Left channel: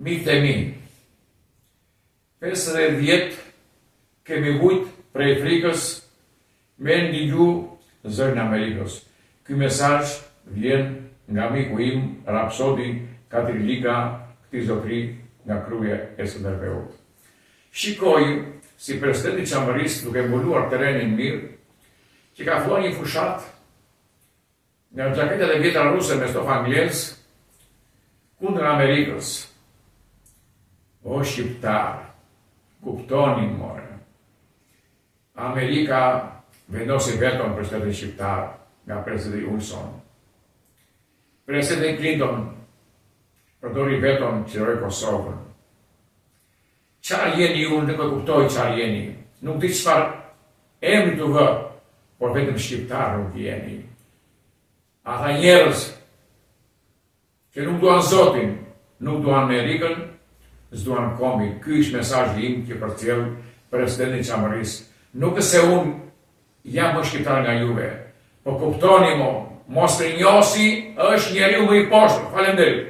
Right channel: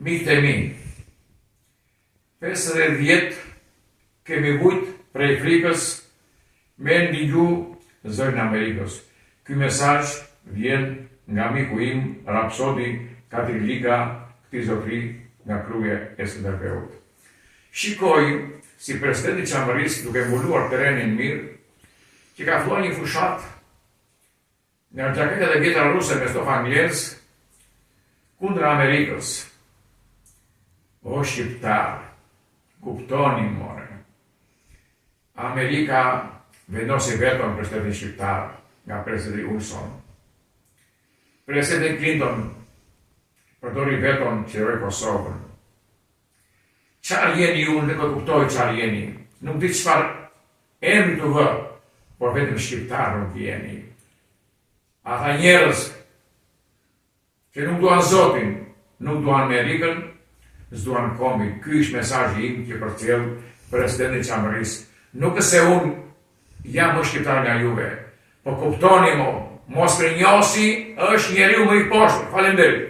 Miqtë e mi, 50 vjet kemi vujt prej Frikës me ndigju zërin Amerikës. Ky mesazh vjen nga miku im, Rapsodi Katrilika, këtij zotëri nga Kruja e SDB-ut. Shikoj si presidenti i Qeverisë, duke mbuluar terrenin mirë, që ka filluar një fushat nga xhaketet e vjetra ruse me stof anglez kundër Amerikës. O shqiptar, kuptoni more. Amerika vendosi veton presidentin shqiptar nga presidenti Wilson. Presidenti Clinton përdori veton që rrë Kosovën. Qarë jeni ju, në kuptoj qarë jeni. Nuk di çfarë emri të vë, por vetëm shqiptar nuk jeni. Ata njerëz që nuk duan Zotin, nuk duan Amerikën, s'duan kombin. Ky është mesazhi im që përcjell presidenti Qeverisë. Nuk se unë jam më shqiptar nga juve, po kuptoni mo, mos rënjosi është njeriu më i poshtë. Faleminderit.